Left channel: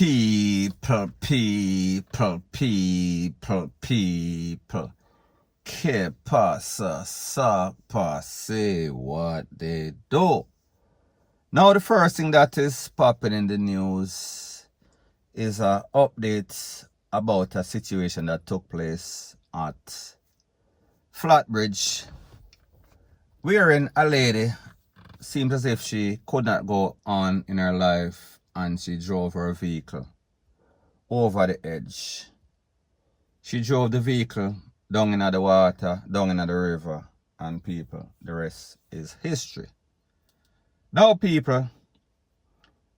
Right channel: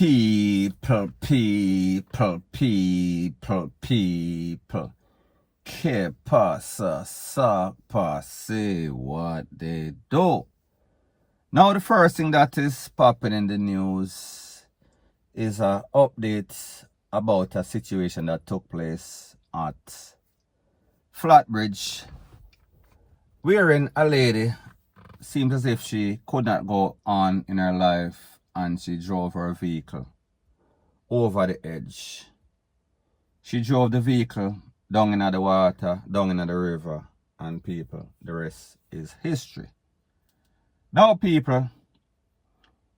People. Que pasa, sa, say what they do. Now the first thing that is popping in the news is an update about a situation that took place at Flatbridge, wherein a lady seemed as if she could not go on in her life and she drove her vehicle over the edge. She drove the vehicle down in the water, down in the river, and people, the rest is history. Now people,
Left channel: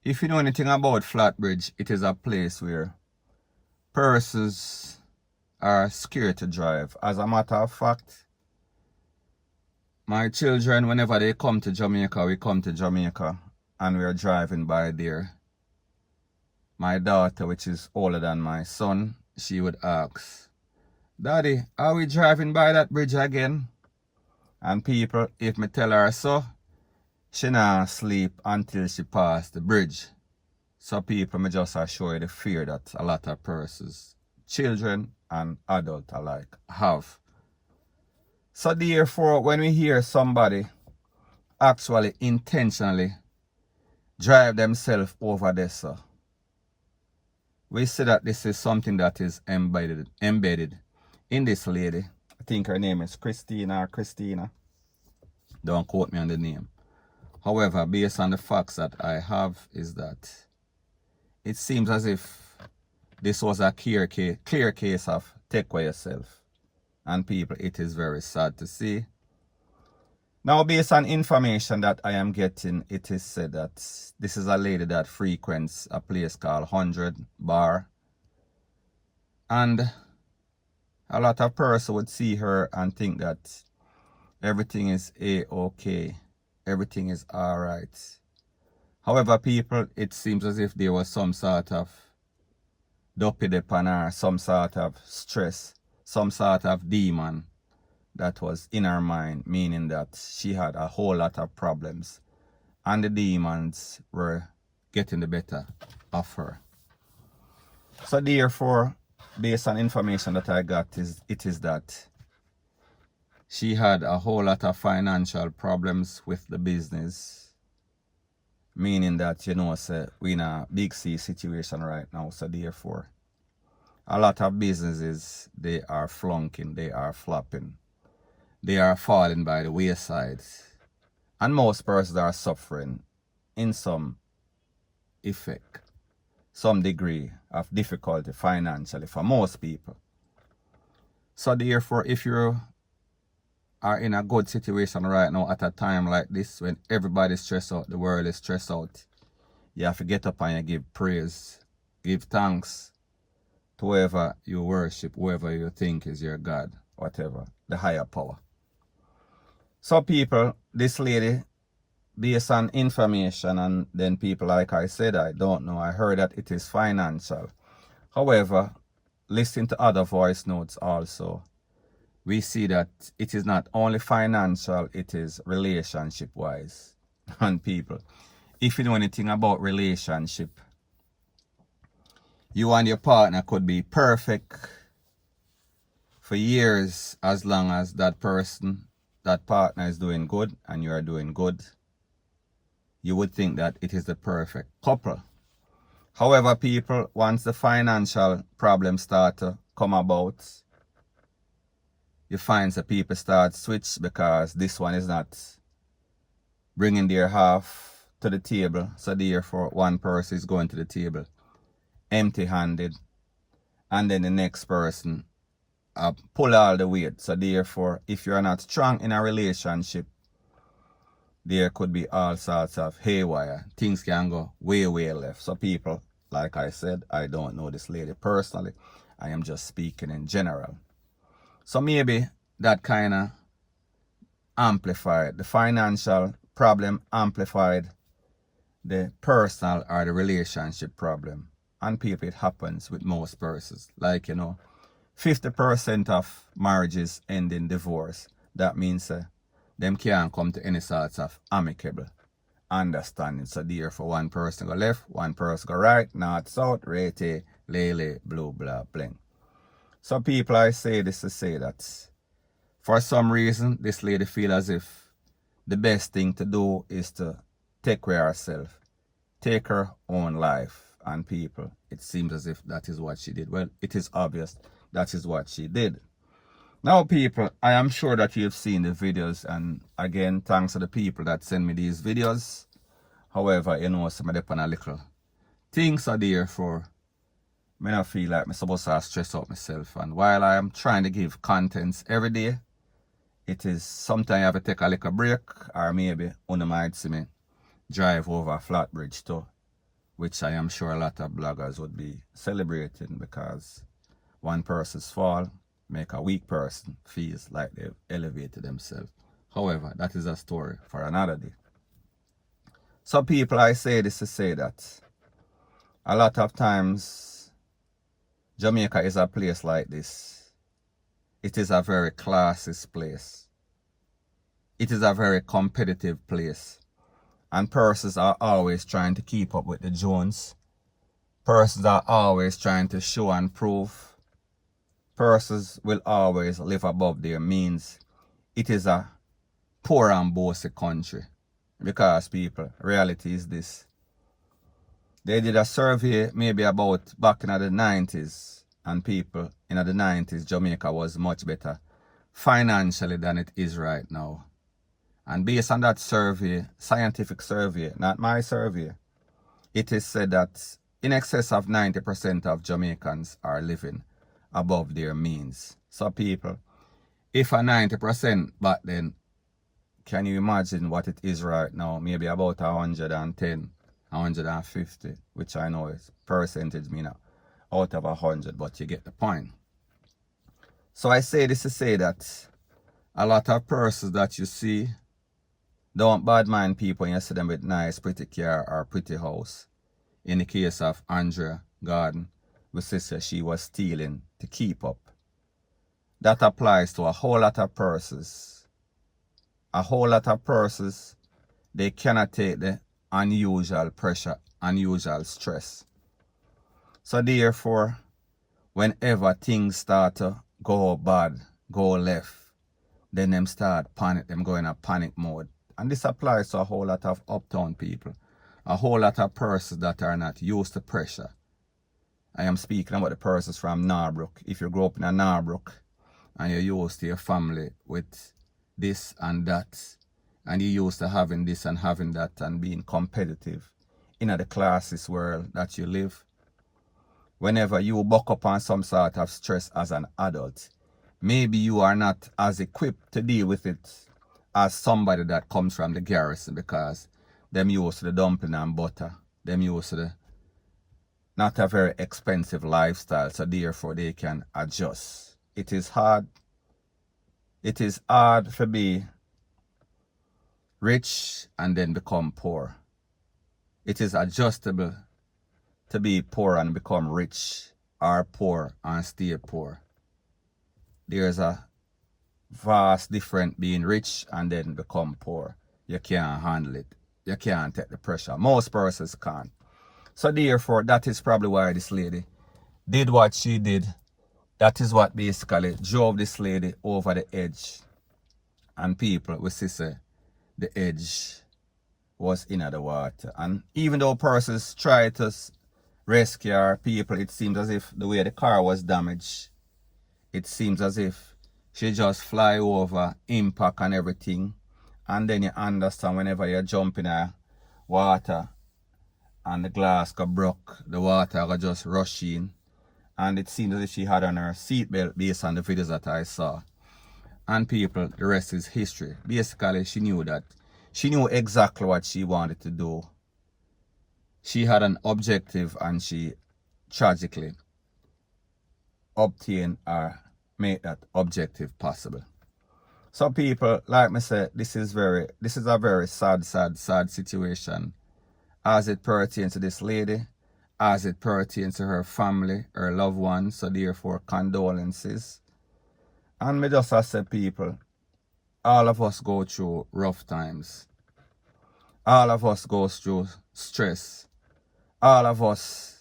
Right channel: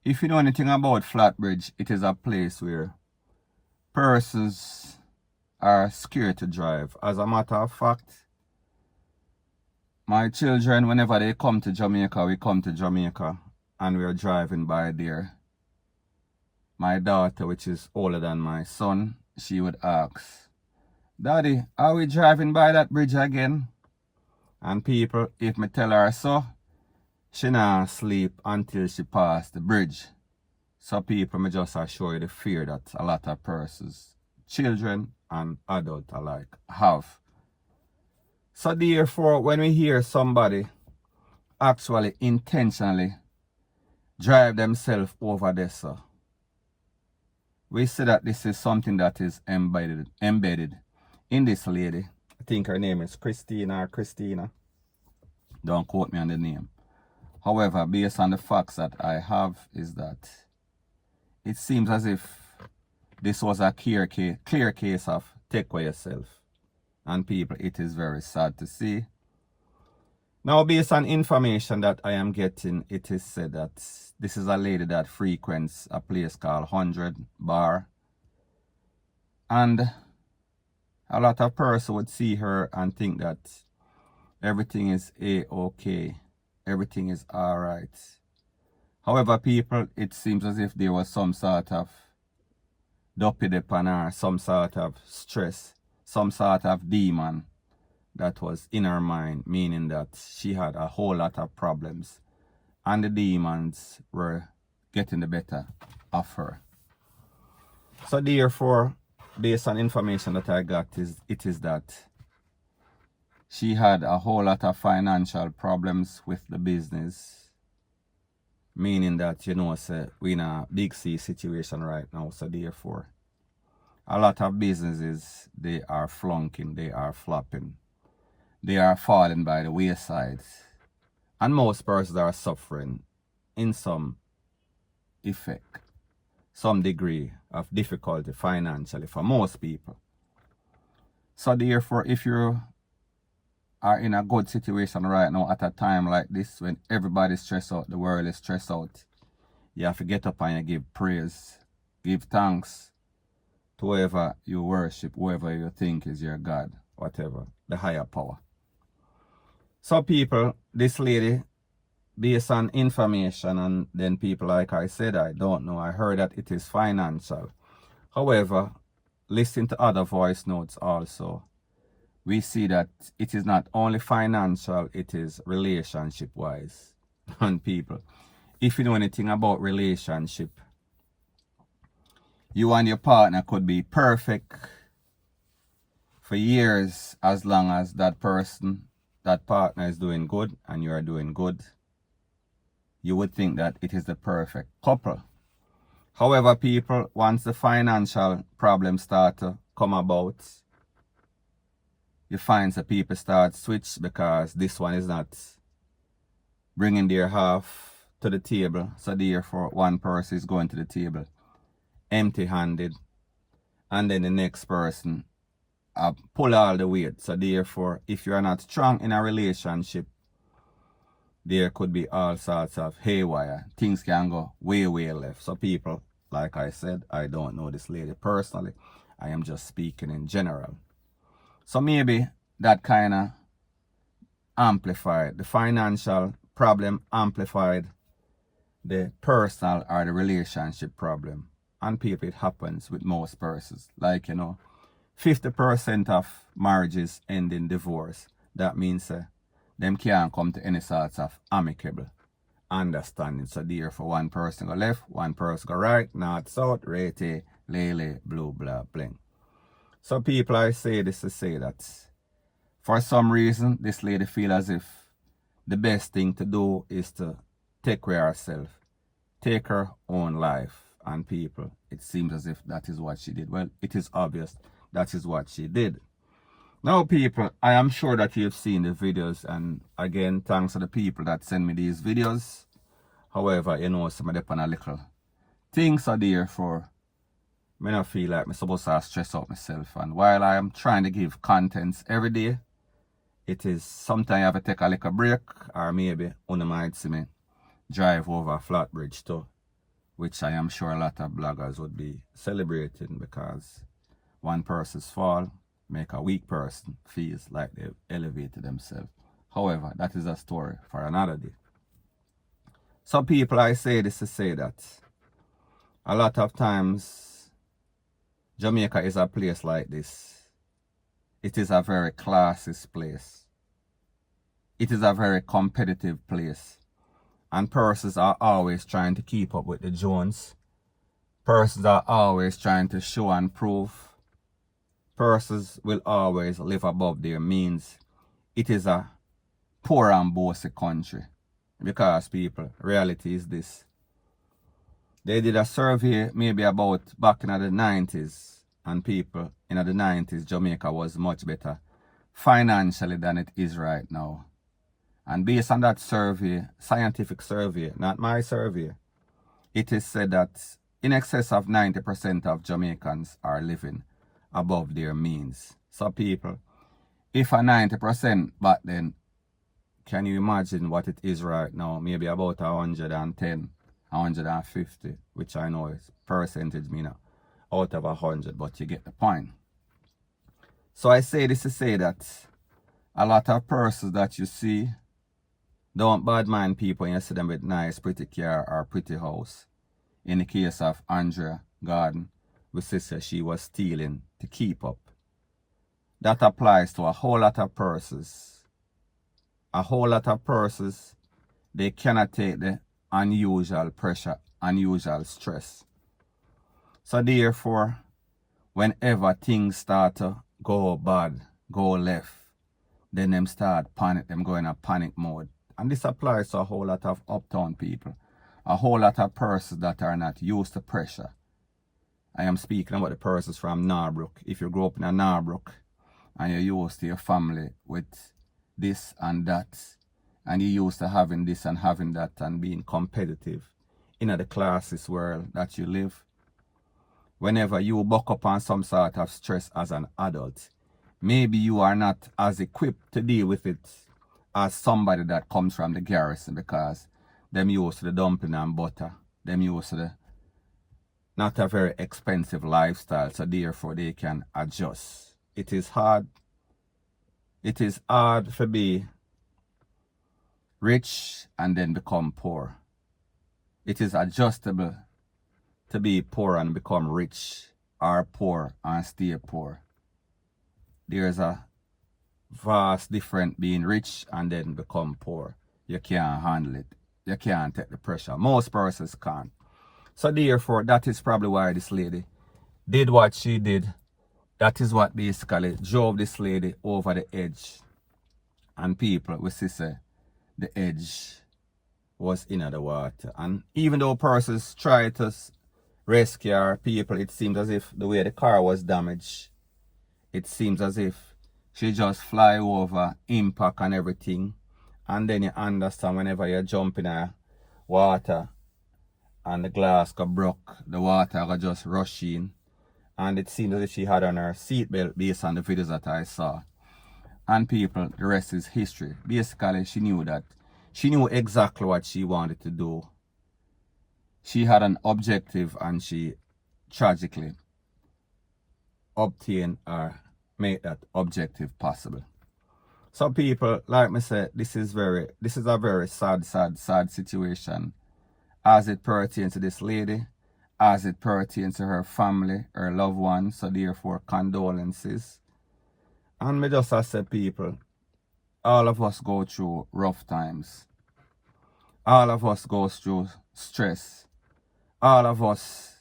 if you know anything about Flatbridge, it is a place where persons are scared to drive. As a matter of fact, my children, whenever they come to Jamaica, we come to Jamaica and we are driving by there. My daughter, which is older than my son, she would ask, "Daddy, are we driving by that bridge again?" And people, if me tell her so, she not sleep until she pass the bridge. So people, me just assure you the fear that a lot of persons, children and adults alike, have. So therefore, when we hear somebody actually intentionally drive themselves over this, we see that this is something that is embedded in this lady. I think her name is Christina. Don't quote me on the name. However, based on the facts that I have, is that it seems as if this was a clear case of take care yourself. And people, it is very sad to see. Now, based on information that I am getting, it is said that this is a lady that frequents a place called 100 Bar. And a lot of persons would see her and think that everything is A-okay. Everything is alright. However, people, it seems as if there was some sort of dopey on her, some sort of stress, some sort of demon that was in her mind, meaning that she had a whole lot of problems and the demons were getting the better of her. So therefore, based on information that I got, it is that she had a whole lot of financial problems with the business, meaning that, you know, so we're in a big C situation right now. So therefore, a lot of businesses, they are flunking, they are flopping, they are falling by the wayside. And most persons are suffering in some effect, some degree of difficulty financially for most people. So therefore, if you are in a good situation right now at a time like this, when everybody's stressed out, the world is stressed out, you have to get up and you give praise, give thanks to whoever you worship, whoever you think is your God, whatever, the higher power. So people, this lady, based on information, and then people, like I said, I don't know, I heard that it is financial. However, listening to other voice notes also, we see that it is not only financial, it is relationship wise. And people, if you know anything about relationship, you and your partner could be perfect for years, as long as that person, that partner is doing good and you are doing good. You would think that it is the perfect couple. However, people, once the financial problems start to come about, you find that people start switch because this one is not bringing their half to the table. So therefore, one person is going to the table empty-handed, and then the next person pull all the weight. So therefore, if you are not strong in a relationship, there could be all sorts of haywire. Things can go way left. So people, like I said, I don't know this lady personally. I am just speaking in general. So maybe that kind of amplified, the financial problem amplified the personal or the relationship problem. And people, it happens with most persons. Like, you know, 50% of marriages end in divorce. That means them can't come to any sorts of amicable understanding. So therefore one person go left, one person go right, north, south, rete, lele, blue, blah, bling. So people, I say this to say that for some reason this lady feel as if the best thing to do is to take care of herself, take her own life. And people, it seems as if that is what she did. Well, it is obvious that is what she did. Now people, I am sure that you've seen the videos, and again, thanks to the people that send me these videos. However, you know, some of them on a little things are there for me not feel like I'm supposed to stress out myself. And while I am trying to give contents every day, it is sometimes I have to take a little break, or maybe one might see me drive over a flat bridge too, which I am sure a lot of bloggers would be celebrating, because one person's fall make a weak person feels like they've elevated themselves. However, that is a story for another day. So people, I say this to say that a lot of times Jamaica is a place like this. It is a very classist place. It is a very competitive place. And persons are always trying to keep up with the Jones. Persons are always trying to show and prove. Persons will always live above their means. It is a poor and bossy country. Because people, reality is this. They did a survey maybe about back in the 90s. And people, in the 90s, Jamaica was much better financially than it is right now. And based on that survey, scientific survey, not my survey, it is said that in excess of 90% of Jamaicans are living above their means. So people, if a 90% back then, can you imagine what it is right now? Maybe about 110, 150, which I know is percentage mean out of 100, but you get the point. So I say this to say that a lot of persons that you see don't bad mind people when you see them with nice, pretty car or pretty house. In the case of Andrea Garden, we say she was stealing to keep up. That applies to a whole lot of persons. A whole lot of persons, they cannot take the unusual pressure, unusual stress. So therefore, whenever things start to go bad, go left, then them start panic, them go in a panic mode. And this applies to a whole lot of uptown people, a whole lot of persons that are not used to pressure. I am speaking about the persons from Norbrook. If you grow up in a Norbrook and you're used to your family with this and that, and you're used to having this and having that and being competitive in the classist world that you live, whenever you buck up on some sort of stress as an adult, maybe you are not as equipped to deal with it as somebody that comes from the garrison, because them used to the dumpling and butter, them used to the not a very expensive lifestyle, so therefore they can adjust. It is hard. It is hard to be rich and then become poor. It is adjustable to be poor and become rich, or poor and stay poor. There's a vast difference being rich and then become poor. You can't handle it. You can't take the pressure. Most persons can't. So therefore, that is probably why this lady did what she did. That is what basically drove this lady over the edge. And people will say the edge was in the water. And even though persons try to rescue her, people, it seems as if the way the car was damaged, it seems as if she just fly over, impact and everything. And then you understand whenever you jump in a water and the glass got broke, the water got just rush in. And it seems as if she had on her seatbelt based on the videos that I saw. And people, the rest is history. Basically, she knew that. She knew exactly what she wanted to do. She had an objective and she tragically obtained or made that objective possible. So people, like me said, this is a very sad situation as it pertains to this lady, as it pertains to her family, her loved ones. So therefore, condolences. And me just say, people, all of us go through rough times. All of us goes through stress. All of us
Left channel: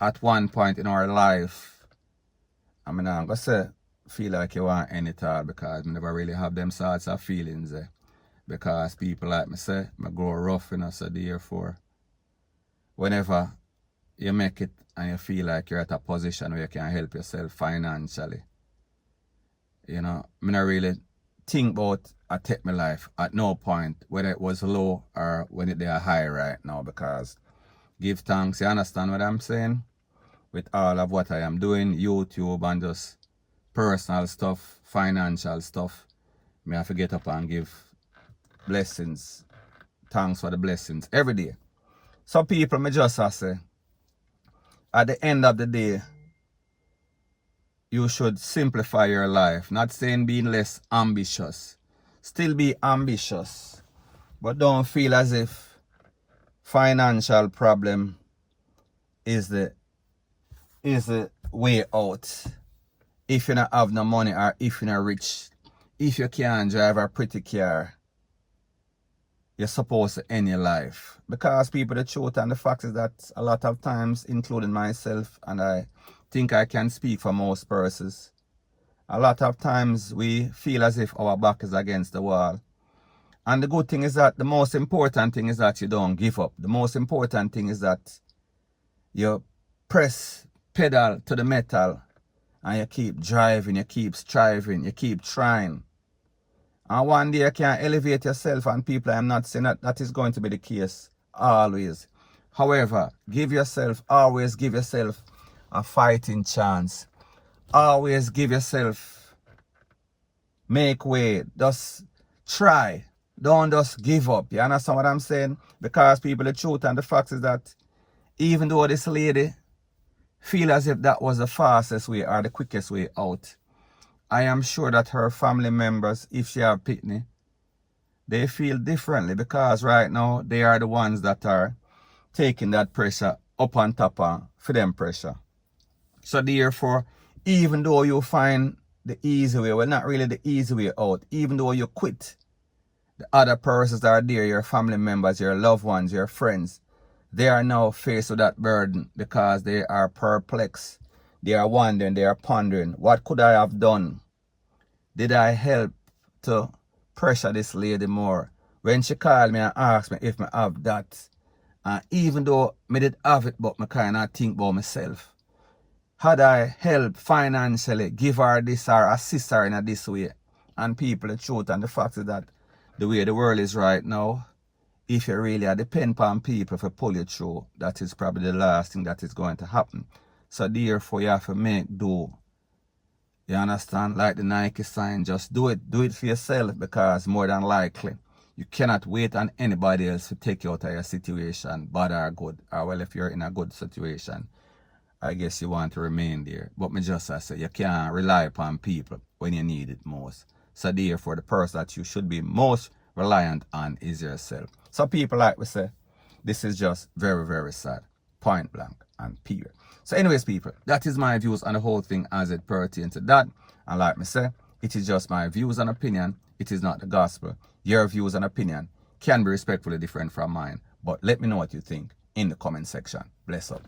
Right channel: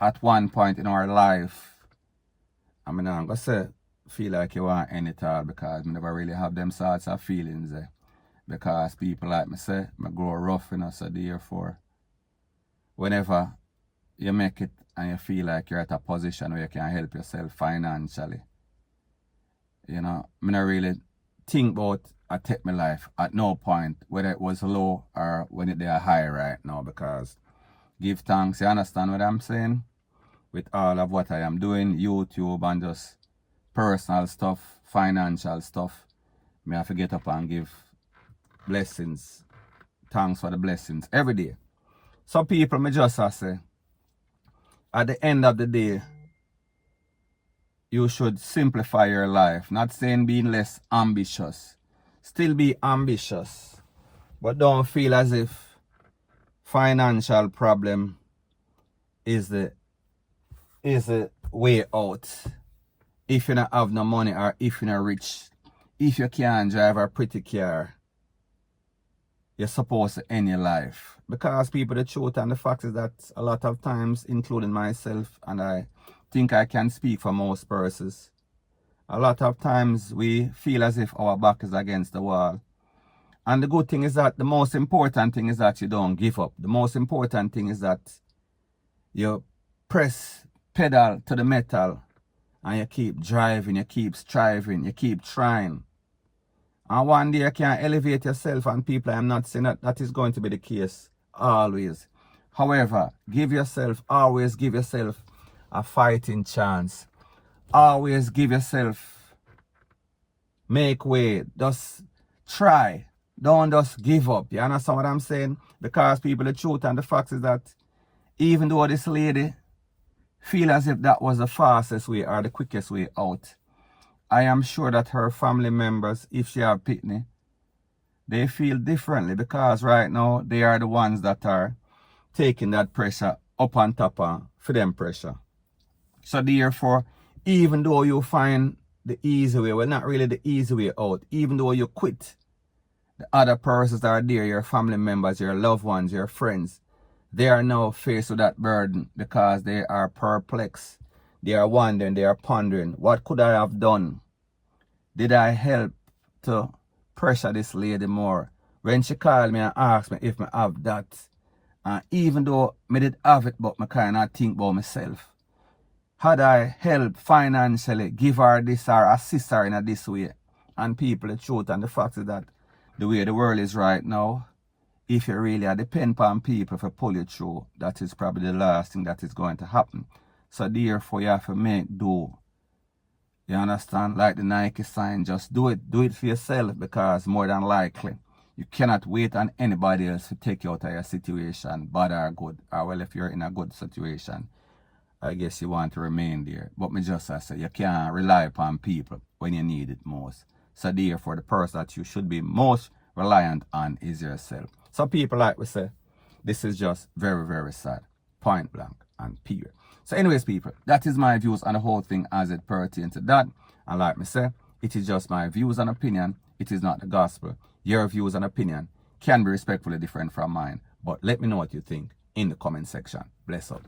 at one point in our life, I mean, I'm going to say, feel like you want any it all because I never really have them sorts of feelings. Because people like me say, I grow rough, you know, so therefore, whenever you make it and you feel like you're at a position where you can help yourself financially, you know, I not really think about I take my life at no point, whether it was low or when it they are high right now, because give thanks, you understand what I'm saying? With all of what I am doing, YouTube and just personal stuff, financial stuff, I have to get up and give blessings, thanks for the blessings every day. So people, me just say, at the end of the day, you should simplify your life. Not saying being less ambitious. Still be ambitious. But don't feel as if financial problem is the way out. If you don't have no money or if you're not rich, if you can't drive a pretty car, you're supposed to end your life. Because people, the truth and the fact is that a lot of times, including myself, and I think I can speak for most persons, a lot of times we feel as if our back is against the wall. And the good thing is that the most important thing is that you don't give up. The most important thing is that you press pedal to the metal and you keep driving, you keep striving, you keep trying. And one day you can elevate yourself, and people, I'm not saying that that is going to be the case always. However, always give yourself a fighting chance. Always give yourself, make way, just try. Don't just give up. You understand what I'm saying? Because people, the truth and the fact is that even though this lady feel as if that was the fastest way or the quickest way out, I am sure that her family members, if she have pitney, they feel differently, because right now they are the ones that are taking that pressure up on top of for them pressure. So therefore, even though you find the easy way, well, not really the easy way out, even though you quit, the other persons that are there, your family members, your loved ones, your friends, they are now faced with that burden because they are perplexed. They are wondering, they are pondering, what could I have done? Did I help to pressure this lady more? When she called me and asked me if I have that, and even though I did have it, but I kind of think about myself. Had I helped financially, give her this or assist her in this way? And people, the truth and the fact is that the way the world is right now, if you really depend on people to pull you through, that is probably the last thing that is going to happen. So therefore, you have to make do. You understand? Like the Nike sign, just do it. Do it for yourself, because more than likely, you cannot wait on anybody else to take you out of your situation, bad or good. Or well, if you're in a good situation, I guess you want to remain there. But me just say, you can't rely upon people when you need it most. So therefore, the person that you should be most reliant on is yourself. So people, like we say, this is just very, very sad. Point blank and period. So anyways, people, that is my views on the whole thing as it pertains to that. And like me say, it is just my views and opinion. It is not the gospel. Your views and opinion can be respectfully different from mine. But let me know what you think in the comment section. Bless up.